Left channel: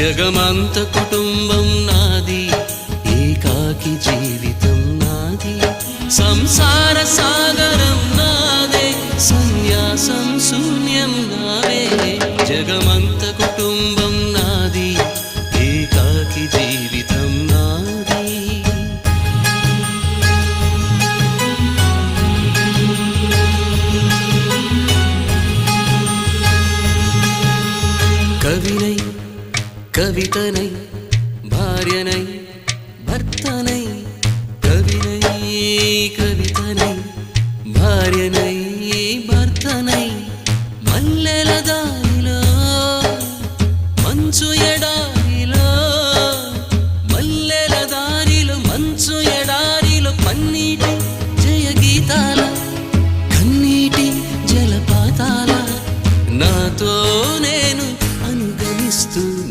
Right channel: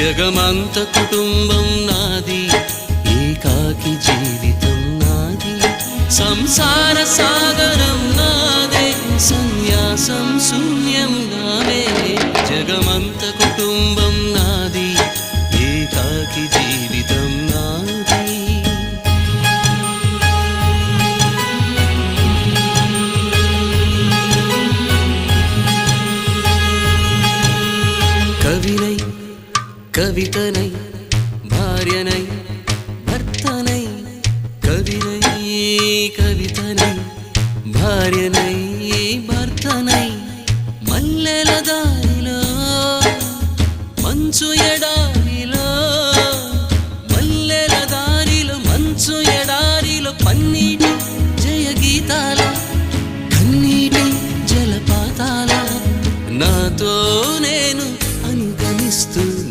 జగమంత కుటుంబం నాది, ఏకాకి జీవితం నాది, సంసార సాగరం నాదే, సన్యాసం శూన్యం నావే. జగమంత కుటుంబం నాది, ఏకాకి జీవితం నాది. కవినై కవితనై భార్యనై భర్తనై, కవినై కవితనై భార్యనై భర్తనై, మల్లెల దారిలో మంచు ఎడారిలో, మల్లెల దారిలో మంచు ఎడారిలో, పన్నీటి జయ గీతాల కన్నీటి జలపాతాల, నాతో నేను అనుగమిస్తూ